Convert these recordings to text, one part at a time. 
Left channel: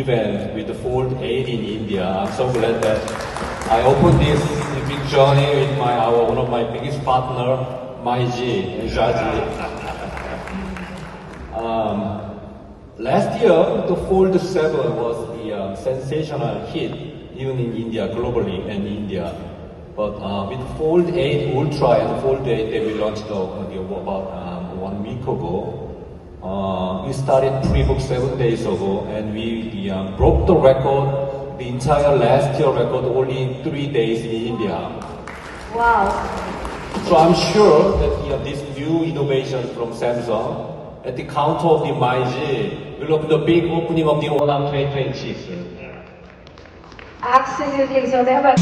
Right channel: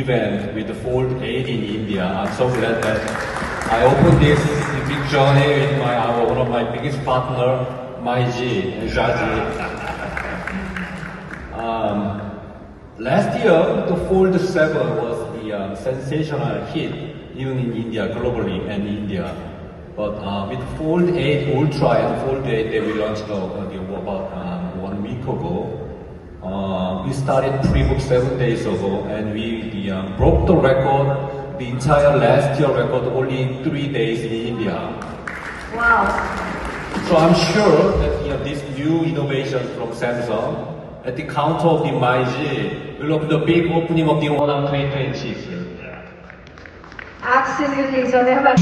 Event with the Fold 8 in India. I'm so glad that I opened this big journey with one of my biggest partner, Maiji and Shaji. Last year, the Fold 7 was the sensational hit, even in India, globally and India. But with Fold 8 Ultra and Fold 8 that we launched about 1 week ago, we started pre-book 7 days ago, and we broke the record, the entire last year record, only in 3 days in India. Wow. So I'm sure that this new innovation from Samsung, at the counter of the Maiji, will open the big opening of the Olam 2026. Absolutely. So there were.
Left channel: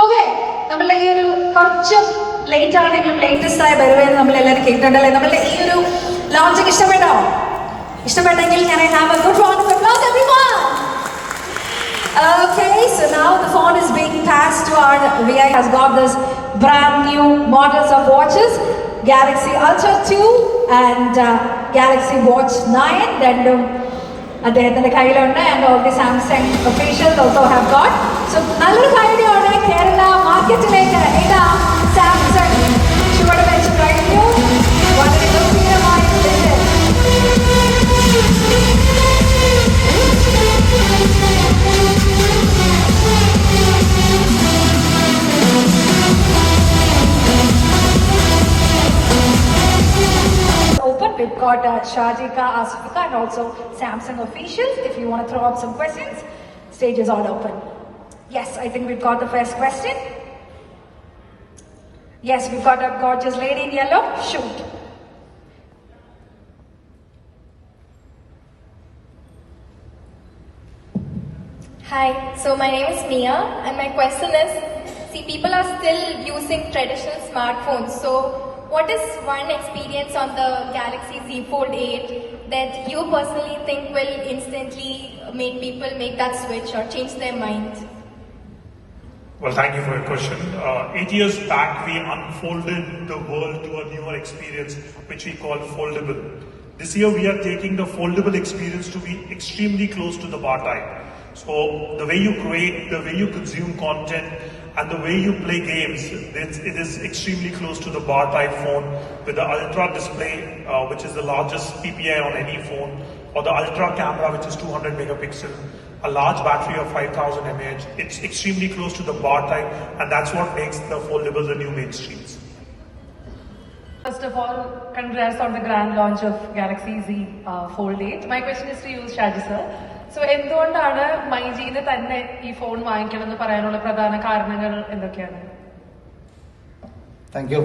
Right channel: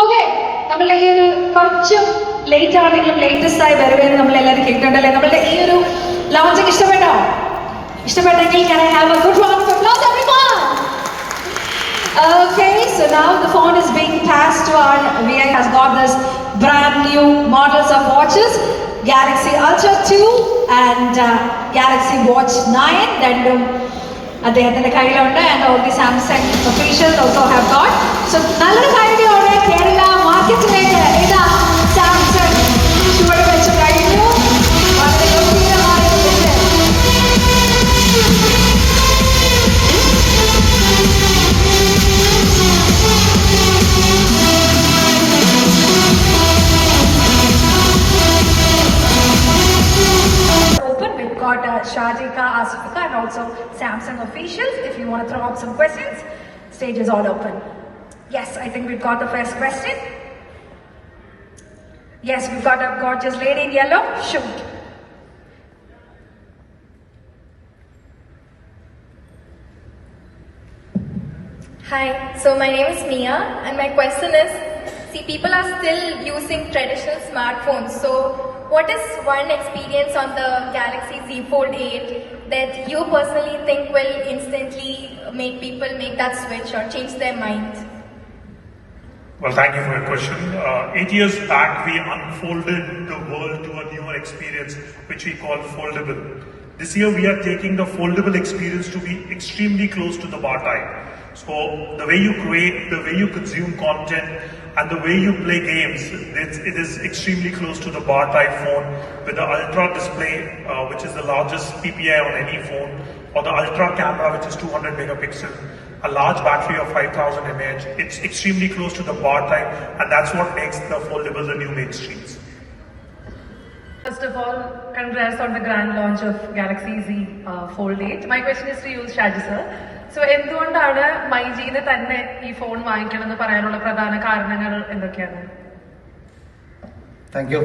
Okay, നമ്മളെ ഈ ഒരു കുറച്ച് ലേറ്റ് ആണെങ്കിലും ലേറ്റസ്റ്റ് ആയ വരവേന്ന് നമ്മളെല്ലാവരും കേൾക്കണ്ടല്ലേ. നമ്മളുടെ ഈ ഒരു ലോഞ്ചിങ് ഇഷ്ടപ്പെട്ടോ? ഇഷ്ടപ്പെട്ടെങ്കിൽ can I have a good round of applause everyone? Okay, so now the phone is being passed to our VI has got this brand new models of watches, Galaxy Ultra 2 and Galaxy Watch 9 രണ്ടും അദ്ദേഹത്തിന്റെ കയ്യിലുണ്ട്. And all the Samsung officials also have got. So നല്ലൊരു കാര്യമാണ് കേരള മാർക്കറ്റിലേക്ക് ഇതാ സാംസങ് ചുവട് വെച്ച് കഴിഞ്ഞു. വളരെ ഗംഭീരമായ We've got Shajika, Asifika and also Samsung officials. If you want to throw up some questions, stage is all open. Yes, I think we've got the first question. Yes, we've got a gorgeous lady in yellow. Shoot. Hi, so my name is Mia and my question is, see, people are still using traditional smartphones, so what is one experience on the Galaxy Z Fold 8 that you personally think will instantly make people make that switch or change their mind? Well, thank you for your question. 8 years back, we unfolded the world to a newer experience, which we call foldable. This year, we are taking the foldable experience to be extremely close to the bar type. So the way you create, the way you consume content, and the way you play games, it is extremely close to the bar type phone with the ultra display, which is the largest PPI on any phone, or the ultra camera, which is 200 megapixel, a large battery of 5000 mAh. It's extremely close to the bar type, and that's what makes the foldable the new mainstreams. First of all, congrats on the grand launch of Galaxy Z Fold 8. My question is to you, Shaji sir. So, എന്തുകൊണ്ടാണ് മൈജിന് തന്നെ ഈ ഫോൺ വാങ്ങിക്കണം എന്ന് പറയാനുള്ള പ്രധാന കാരണങ്ങൾ എന്തൊക്കെയാണ്? Thank you.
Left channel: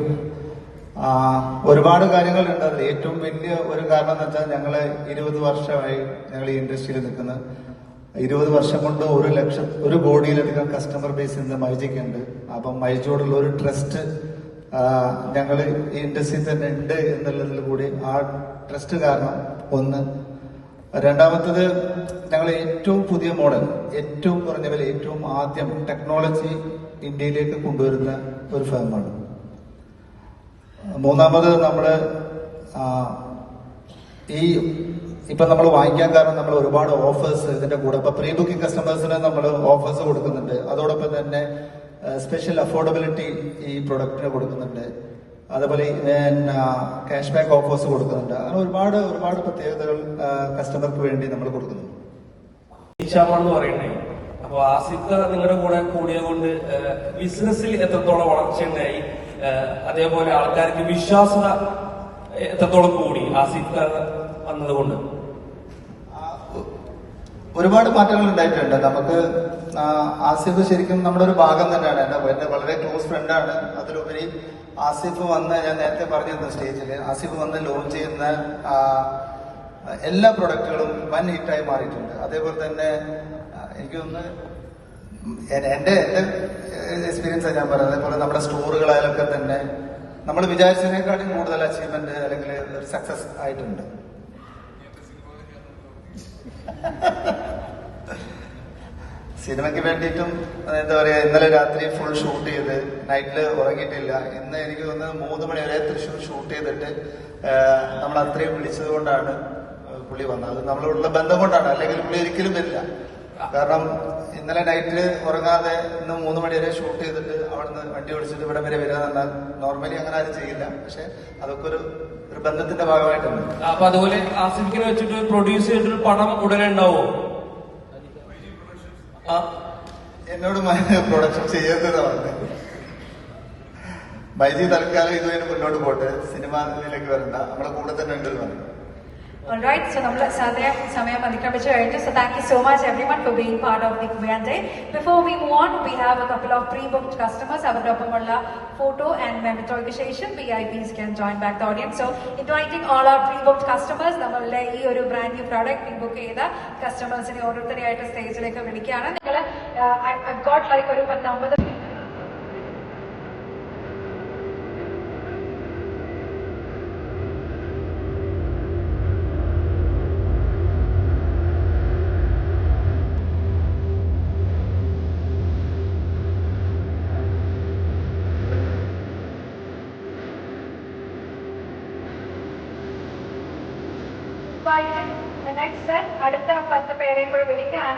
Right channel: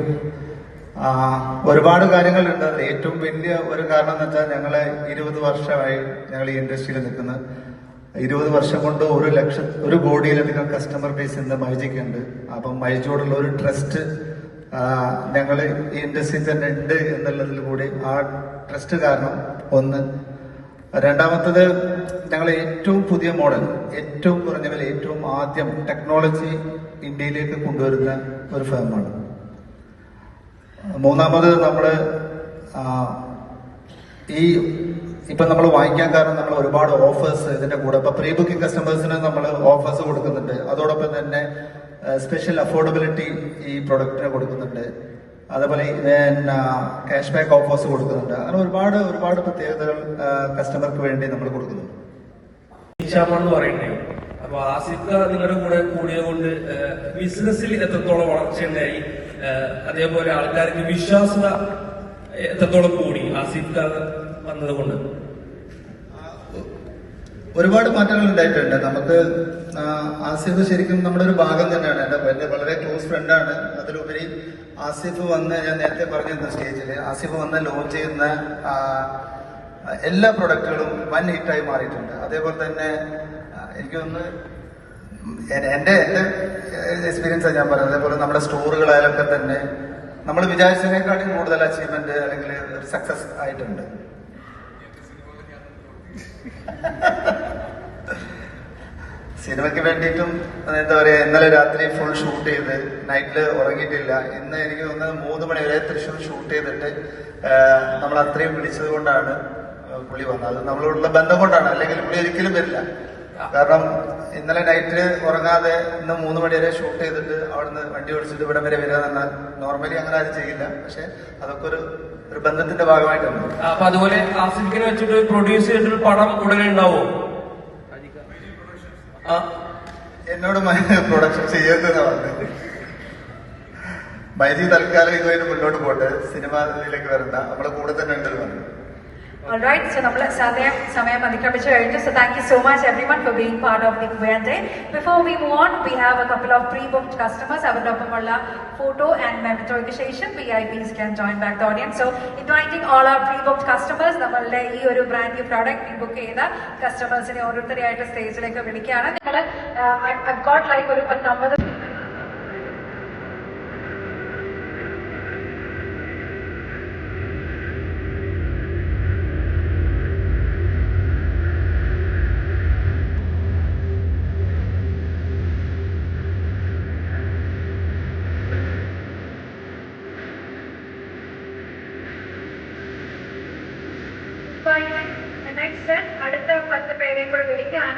ഒരുപാട് കാര്യങ്ങളുണ്ട്. അത് ഏറ്റവും വലിയ ഒരു കാരണം എന്ന് വെച്ചാൽ ഞങ്ങള് 20 വർഷമായി ഞങ്ങൾ ഈ ഇൻഡസ്ട്രിയിൽ നിൽക്കുന്നത്. 20 വർഷം കൊണ്ട് 1 കോടിയിലധികം കസ്റ്റമർ ബേസ് ഇന്ന് മൈജിക്ക് ഉണ്ട്. അപ്പം മൈജിയോടുള്ള ഒരു ട്രസ്റ്റ് ഞങ്ങൾ ഈ ഇൻഡസ്ട്രിയിൽ തന്നെ ഉണ്ട് എന്നുള്ളതിൽ കൂടി ആ ട്രസ്റ്റ് കാരണം ഒന്ന്. രണ്ടാമത്തത് ഞങ്ങൾ ഏറ്റവും പുതിയ മോഡൽ, ഏറ്റവും കുറഞ്ഞ വില, ഏറ്റവും ആദ്യം ടെക്നോളജി ഇന്ത്യയിലേക്ക് കൊണ്ടുവരുന്ന ഒരു ഫേമാണ്. മൂന്നാമത് നമ്മള് ഇപ്പൊ നമ്മൾ വാങ്ങിക്കാൻ കാരണം നമ്മൾ ഒരുപാട് ഓഫേഴ്സ് ഇതിന്റെ കൂടെ ഇപ്പൊ പ്രീ ബുക്കിംഗ് കസ്റ്റമേഴ്സിന് നമ്മൾ ഓഫേഴ്സ് കൊടുക്കുന്നുണ്ട്. അതോടൊപ്പം തന്നെ സ്പെഷ്യൽ അഫോർഡബിലിറ്റി ഈ പ്രൊഡക്റ്റിന് കൊടുക്കുന്നുണ്ട്. അതേപോലെ ക്യാഷ് ബാക്ക് ഓഫേഴ്സ് കൊടുക്കുന്നുണ്ട്. അങ്ങനെ ഒരുപാട് പ്രത്യേകതകൾ കസ്റ്റമർക്ക് വേണ്ടി നമ്മൾ കൊടുക്കുന്നുണ്ട്. എന്ന് പറയുന്നത് അപ്പൊ ആസിഫ് നിങ്ങളുടെ കൂടെ കൂടിയത് കൊണ്ട് ബിസിനസ്സിൽ എത്രത്തോളം വളർച്ചയുണ്ടായി, അതേപോലെ ആൾക്കാർക്ക് വിശ്വാസത എത്രത്തോളം കൂടി ആസിഫ് വന്നതുകൊണ്ട്? ഒരുപാട് മാറ്റങ്ങൾ ഉണ്ടായിട്ടുണ്ട്. നമുക്ക് ആസിഫ് ശരിക്കും നമ്മുടെ ഒരു ഭാഗം തന്നെയാണ്. എന്റെ വളരെ ക്ലോസ് ഫ്രണ്ടാണ്. അതിലുപരി ആസിഫ് വന്ന്, ഞാൻ നേരത്തെ പറഞ്ഞിരുന്നു സ്റ്റേജിൽ, ആസിഫ് വന്ന് ലോഞ്ച് ചെയ്യുന്ന എല്ലാ പ്രൊഡക്റ്റുകളും വൻ ഹിറ്റായി മാറിയിട്ടുണ്ട്. അതേപോലെ തന്നെ എനിക്ക് തോന്നുന്നു എന്റെ എക്സ്പീരിയൻസ് ഞാൻ പറയുന്നത്, അതേപോലെ നമ്മുടെ സ്റ്റോറുകളായാലൊക്കെ തന്നെ നമ്മൾ വിചാരിച്ചതിനേക്കാളും കൂടുതൽ അച്ചീവ്മെന്റ് അല്ലെങ്കിൽ ഒരു സക്സസ് ആയിട്ടുണ്ട്. സിനിമയ്ക്ക് വേണ്ടിയിട്ടും എന്താ പറയാ, ഇന്നലെ രാത്രി ഫുൾ ഷൂട്ട് ചെയ്ത് നൈറ്റില് ഉറങ്ങിയിട്ടില്ല. ഇന്ന് എനിക്ക് തോന്നുന്നത് 3 മണി വരെ തൃശ്ശൂർ ഷൂട്ട് ചെയ്തിട്ട് നമ്മൾ അത്രയും വിളിച്ചത് കൊണ്ടാണ് പുള്ളി വന്നത്. അത് നമ്മളോടുള്ള ബന്ധം കൊണ്ടാണ്, അല്ലെങ്കിൽ പുള്ളി ഒരിക്കലും വരില്ല. കാരണം ഇന്നലെ നൈറ്റ് ഉറങ്ങാതെ ഇന്ന് 3 മണി വരെ ഷൂട്ട് ചെയ്തിട്ട് അവിടുന്ന് വണ്ടി ഓടിച്ചിട്ട് ഇവിടെ വരെ വരിക എന്നാൽ നോർമലി അങ്ങനെ ആരും ചെയ്യില്ല. പക്ഷെ അതൊക്കെ ഒരു ബന്ധത്തിന്റെ ഭാഗമായിട്ടാണ്. അപ്പൊ അതുപോലെ ആസിഫിനെ വെച്ചിട്ട് പ്രൊഡ്യൂസ് ചെയ്തിട്ട് പടം ഉടനെ ഉണ്ടാവോ? എന്നോട് പ്രൊഡക്ഷൻ ചെയ്യരുതെന്നാ പറഞ്ഞത്. മൈജി തൽക്കാലം ഇതുവരെ മുന്നോട്ട് പോട്ടെ, സിനിമ ഇതിലേക്ക് വരണ്ട, നമ്മളെ കൂടെ തന്നെ ഉണ്ടെന്ന് പറഞ്ഞു. Alright, so നമ്മൾ സമയം അതിക്രമിച്ചു കഴിഞ്ഞു. So thank you so much everyone for being part of the Kuyan Day. Before we move on, we have a couple of pre-booked customers. അവരോടൊപ്പമുള്ള photo and മെമറ്റോയ്ക്ക് ശേഷം VIPs can join back the audience. So inviting all our pre-booked customers, നമ്മളുടെ ഈ ഒരു brand new product pre-book ചെയ്ത കസ്റ്റമേഴ്സിനെ ഓരോരുത്തരെയായിട്ട് സ്റ്റേജിലേക്ക് വിളിക്കുകയാണ്. നിങ്ങൾ I've got like ഒരു 50 അടുത്ത 10 പേരെയും കൂടെ വിളിക്കുകയാണ്.